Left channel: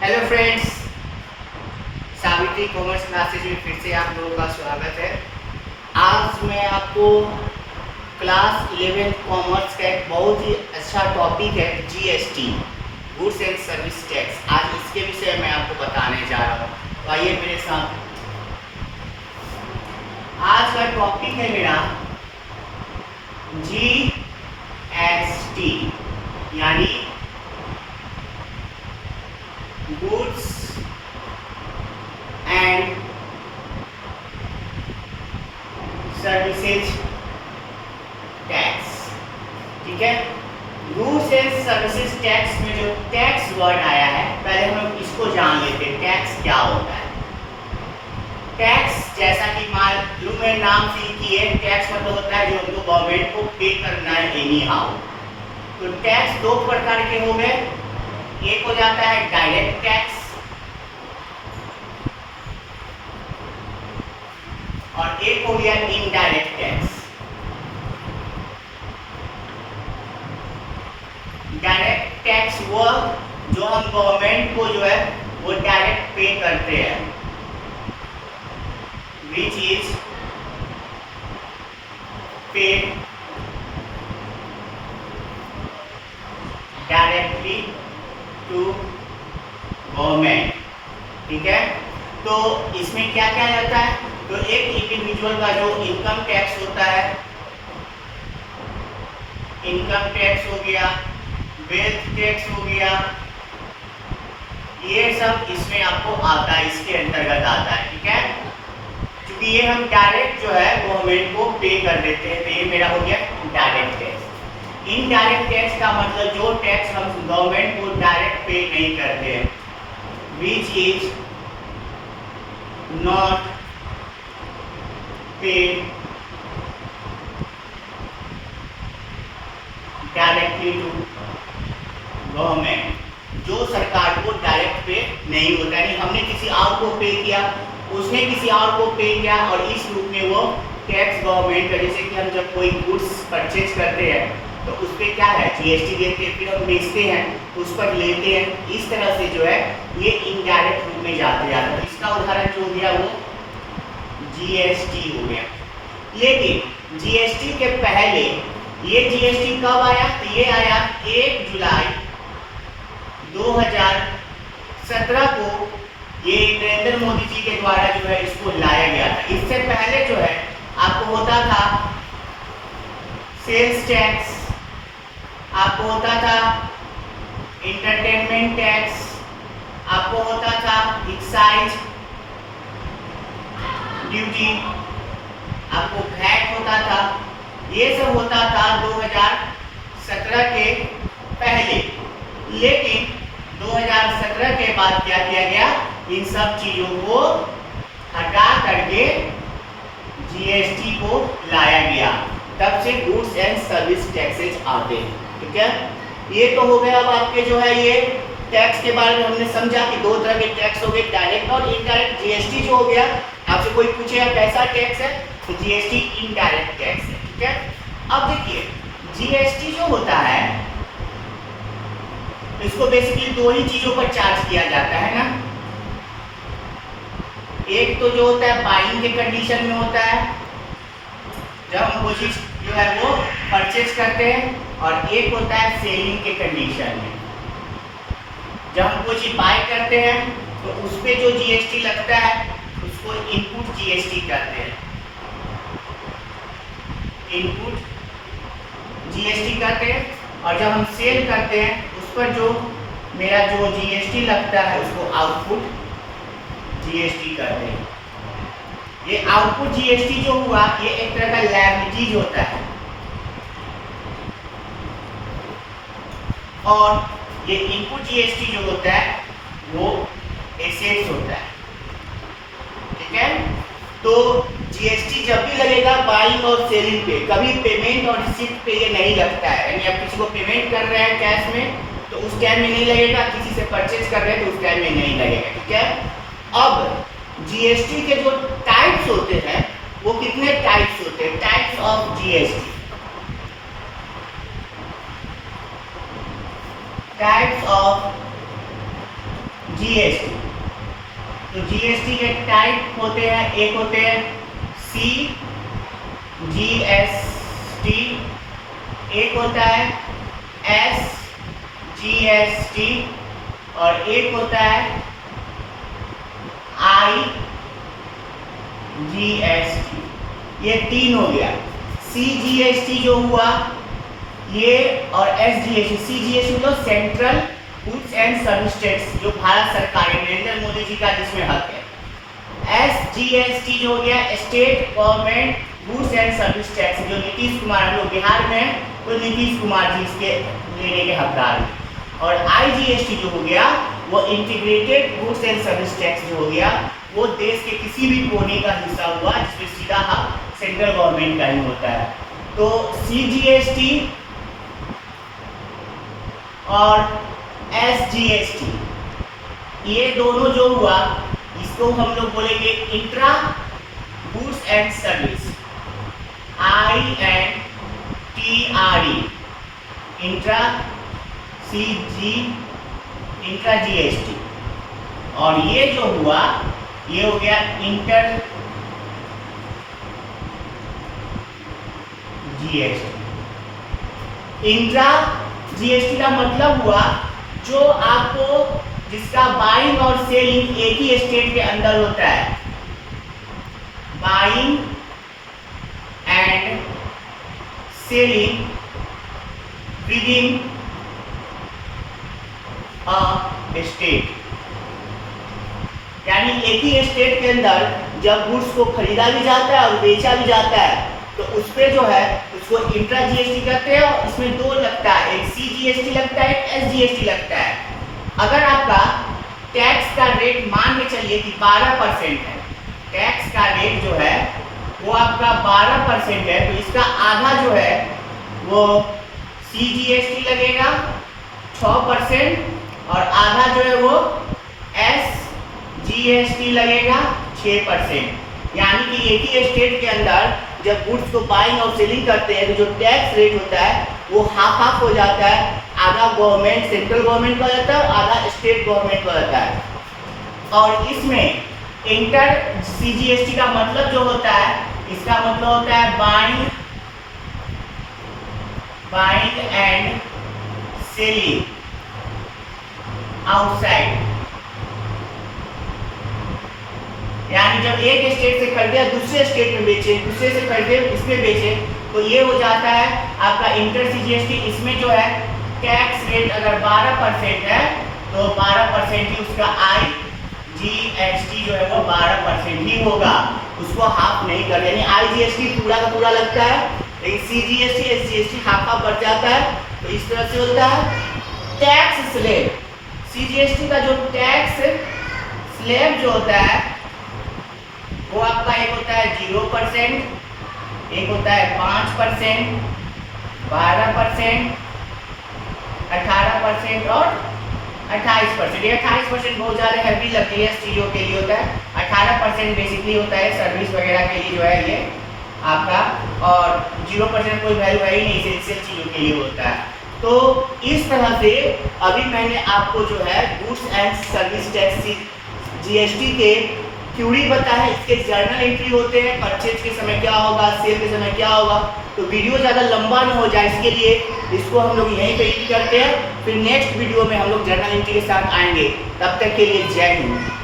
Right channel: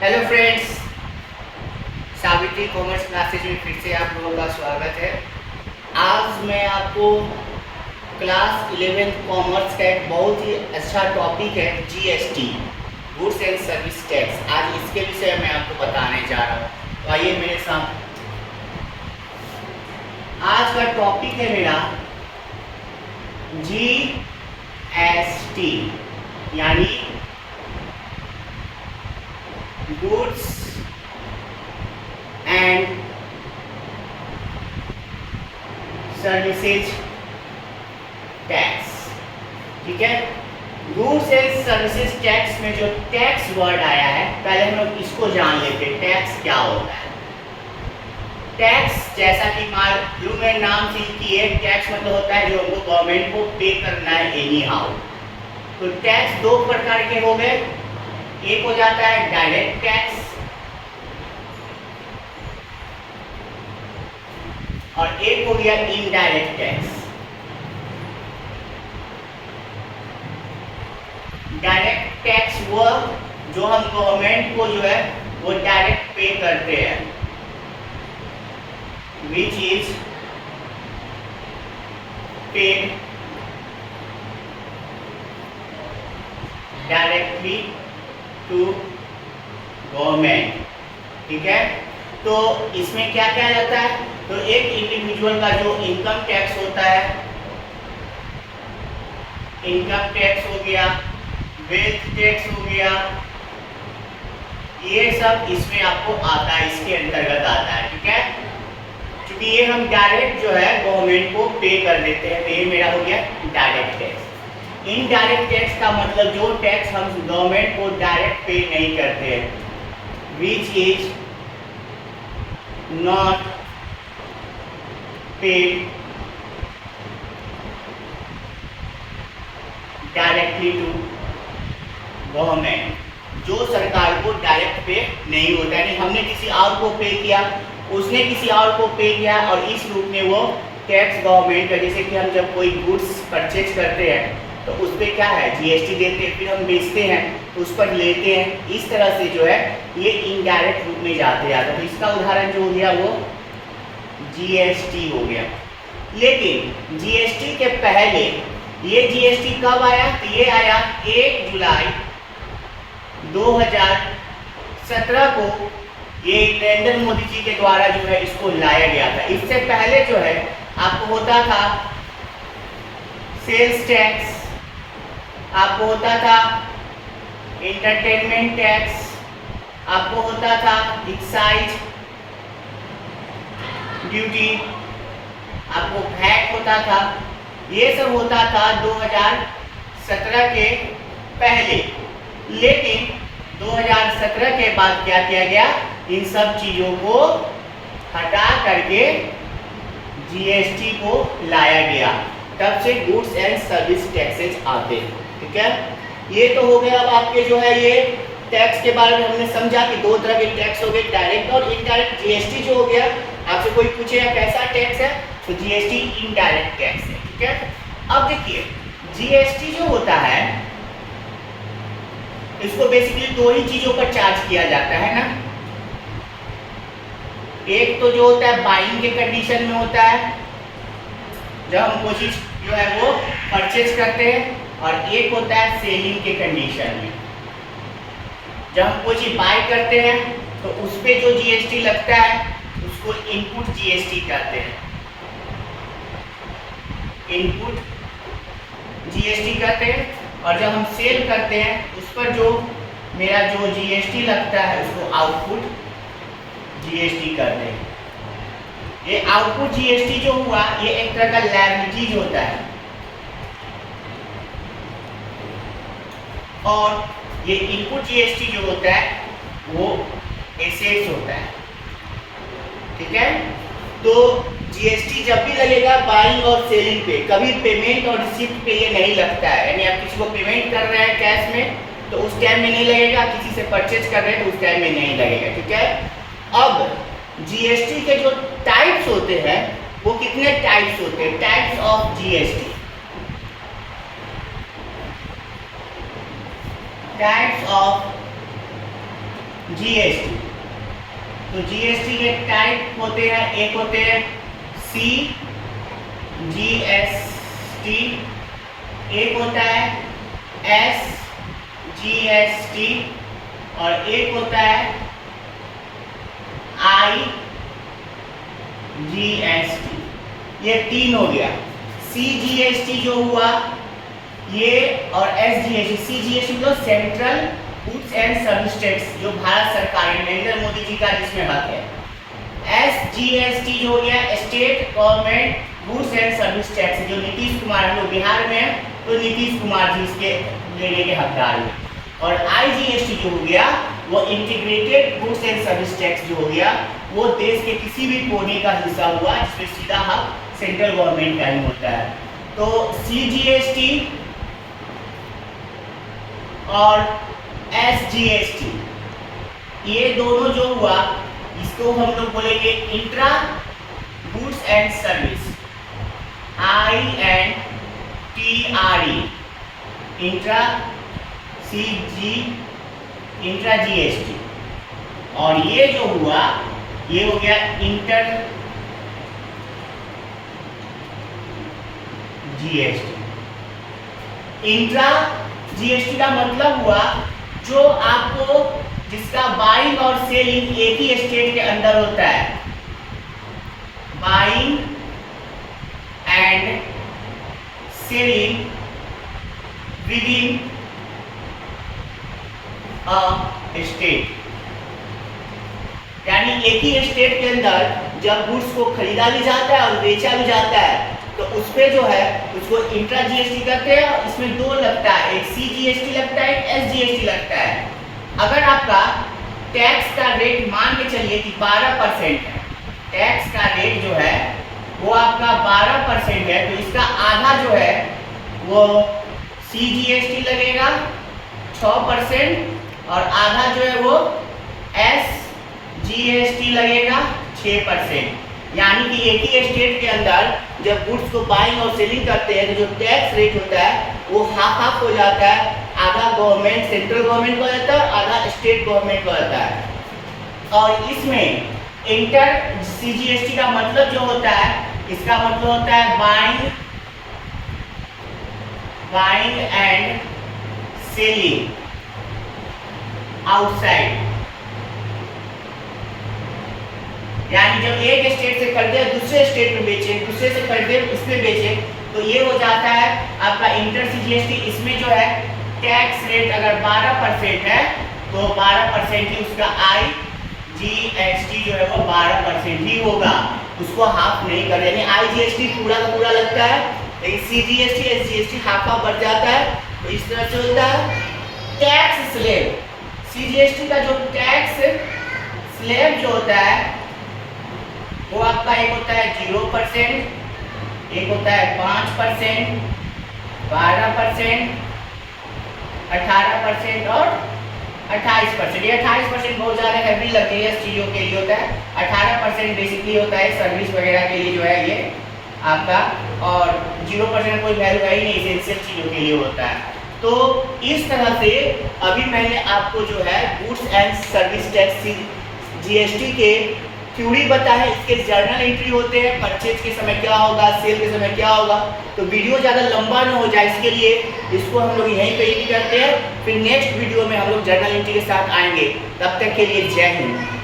Hello friends, Savitri commerce classes में फिर से आप लोगों का स्वागत है। आज मैं आपको क्लास 11th कॉमर्स का एक बहुत ही अच्छा टॉपिक है GST, goods and service tax. आज इसके विषय में आपको बताने जा रहा हूँ, तो आइए मेरे साथ। आज का टॉपिक है मेरा जीएसटी यानी गुड्स एंड सर्विसेज टैक्स। ठीक है, गुड्स एंड सर्विसेज टैक्स में जो टैक्स वर्ड आया है, पहले हम लोग इसको जान लेते हैं टैक्स क्या होता है। टैक्स जैसा कि मालूम है, नाम से ही कि है, टैक्स मतलब होता है जो हमको गवर्नमेंट को पे करना है एनी हाउ। तो टैक्स दो प्रकार के हो गए, एक हो जाता है डायरेक्ट टैक्स और एक हो गया इनडायरेक्ट टैक्स। डायरेक्ट टैक्स वो जो हम गवर्नमेंट को जो है वो डायरेक्ट पे करते हैं, which is paid directly to government. ठीक है, तो इसमें क्या क्या रहता है, तो एक इंडिविजुअल का जो इनकम टैक्स होता है, इनकम टैक्स हो गया, वेल्थ टैक्स हो गया, ये सब इसमें आपको आता है, इसके अंतर्गत आता है। ठीक है, क्योंकि ये हम डायरेक्ट जो है गवर्नमेंट को पे कर देते हैं, तो ये मेरा हो गया डायरेक्ट टैक्स। इनडायरेक्ट टैक्स का मतलब जो टैक्स हम गवर्नमेंट को डायरेक्ट पे नहीं करते हैं, which is not paid directly to government, जो सरकार को डायरेक्ट पे नहीं होता, यानी हमने किसी और को पे किया, उसने किसी और को पे किया और इस रूप में वो टैक्स गवर्नमेंट का, जैसे कि हम जब कोई गुड्स परचेज करते हैं तो उस पर क्या है जीएसटी देते हैं, फिर हम बेचते हैं तो उस पर लेते हैं, इस तरह से जो है ये इनडायरेक्ट रूप में जाते हैं। तो इसका उदाहरण जो हो गया वो जीएसटी हो गया। लेकिन जीएसटी के पहले ये जीएसटी कब आया, तो ये आया 1 जुलाई 2017 को, ये नरेंद्र मोदी जी के द्वारा जो है इसको लाया गया था। इससे पहले जो है आपको होता था सेल्स टैक्स, आपको होता था एंटरटेनमेंट टैक्स, आपको होता था एक्साइज ड्यूटी, आपको वैट होता था, ये सब होता था 2017 के पहले। लेकिन 2017 के बाद क्या किया गया, इन सब चीजों को हटा करके जीएसटी को लाया गया, तब से गुड्स एंड सर्विस टैक्सेज आते हैं। ठीक है, ये तो हो गया। अब आपके जो है ये टैक्स के बारे में हमने समझा कि दो तरह के टैक्स हो गए, डायरेक्ट और इनडायरेक्ट। जीएसटी जो हो गया, आपसे कोई पूछे कैसा टैक्स है, तो जीएसटी इनडायरेक्ट टैक्स है। ठीक है, अब देखिए जीएसटी जो होता है इसको बेसिकली दो ही चीजों पर चार्ज किया जाता है ना। एक तो जो होता है बाइंग के कंडीशन में होता है, जब हम कोई चीज जो है वो परचेज करते हैं, और एक होता है सेलिंग के कंडीशन में, जब हम कोई चीज बाय करते हैं तो उस पे जो जीएसटी लगता है उसको इनपुट जीएसटी कहते हैं, इनपुट जीएसटी कहते हैं। और जब हम सेल करते हैं उस पर जो मेरा जो जीएसटी लगता है उसको आउटपुट जीएसटी कहते हैं। ये आउटपुट जीएसटी जो हुआ ये एक तरह का लायबिलिटीज होता है, और ये इनपुट जीएसटी जो होता है वो एसेट्स होता है। ठीक है, तो जीएसटी जब भी लगेगा बाइंग और सेलिंग पे, कभी पेमेंट और रिसीप्ट पे ये नहीं लगता है। यानी आप किसी को पेमेंट कर रहे हैं कैश में तो उस टाइम में नहीं लगेगा, किसी से परचेज कर रहे हैं तो उस टाइम में नहीं लगेगा। ठीक है, अब जीएसटी के जो टाइप्स होते हैं वो कितने टाइप्स होते हैं, types of GST. Types of GST. तो जीएसटी के टाइप होते हैं, एक होते हैं सी जीएसटी, एक होता है एस जीएसटी और एक होता है आई जीएसटी। ये तीन हो गया। सी जीएसटी जो हुआ ये, और एस जीएसटी, सी जीएसटी मतलब central goods and service tax, जो भारत सरकार नरेंद्र मोदी जी का जिसमें हक है। एस जीएसटी जो हो गया state government goods and service tax, जो नीतीश कुमार, हम लोग बिहार में हैं तो नीतीश कुमार जी इसके लेने के हकदार हैं। और आईजीएसटी जो हो गया वो integrated goods and service tax जो हो गया, वो देश के किसी भी कोने का हिस्सा हुआ जिसमें सीधा हक सेंट्रल गवर्नमेंट का ही होता है। तो सीजीएसटी और एसजीएसटी ये दोनों जो हुआ, इसको हम लोग बोलेंगे intra goods and service, INTRE, intra intra GST. और ये जो हुआ ये हो गया इंटर जीएसटी। इंट्रा जीएसटी का मतलब हुआ जो आपको, जिसका बाइंग और सेलिंग एक ही स्टेट के अंदर होता है, buying and selling within a state. यानी एक ही स्टेट के अंदर जब गुड्स को खरीदा भी जाता है और बेचा भी जाता है तो उस पे जो है उसको इंट्रा जीएसटी कहते हैं। और इसमें दो लगता है, एक सी जीएसटी लगता है, एक एस जीएसटी लगता है। अगर आपका टैक्स का रेट मान के चलिए कि 12% है, टैक्स का रेट जो है वो आपका 12% है, तो इसका आधा जो है वो सी जीएसटी लगेगा 6% और आधा जो है वो एस जीएसटी लगेगा 6%। यानी कि एक ही स्टेट के अंदर जब गुड्स को बाइंग और सेलिंग करते हैं तो जो टैक्स रेट होता है वो हाफ हाफ हो जाता है, आधा गवर्नमेंट सेंट्रल गवर्नमेंट का जाता है, आधा स्टेट गवर्नमेंट का जाता है। और इसमें इंटर सीजीएसटी का मतलब जो होता है, इसका मतलब होता है बाइंग एंड सेलिंग आउटसाइड। यानी जब एक स्टेट से खरीदे दूसरे स्टेट में बेचे, दूसरे से खरीदे इसमें बेचे, तो ये हो जाता है आपका इंटर सीजीएसटी। इसमें जो है टैक्स रेट अगर 12% है तो 12% ही उसका आईजीएसटी जो है वो 12% ही होगा, उसको हाफ नहीं कर, यानी आईजीएसटी पूरा का पूरा लगता है, लेकिन सीजीएसटी एसजीएसटी हाफ हाफ बढ़ जाता है। तो इस तरह से होता है। टैक्स स्लैब, सीजीएसटी का जो टैक्स स्लैब जो होता है वो आपका एक होता है 0%, एक होता है 5%, 12%, 18% और 28%। ये 28% बहुत ज़्यादा हैवी लगती है चीज़ों के लिए होता है। 18% बेसिकली होता है सर्विस वगैरह के लिए जो है ये आपका, और 0% कोई वैल्यू है ही नहीं, एसेंशियल चीज़ों के लिए होता है। तो इस तरह से अभी मैंने आपको जो है goods and service tax GST के थ्योरी बता है, इसके जर्नल एंट्री होते हैं, परचेज के समय क्या होगा, सेल के समय क्या होगा। तो वीडियो ज़्यादा लंबा ना हो जाए इसके लिए इसको हम लोग यहीं पे ही करते हैं, फिर नेक्स्ट वीडियो में हम लोग जर्नल एंट्री के साथ आएंगे। तब तक के लिए जय हिंद।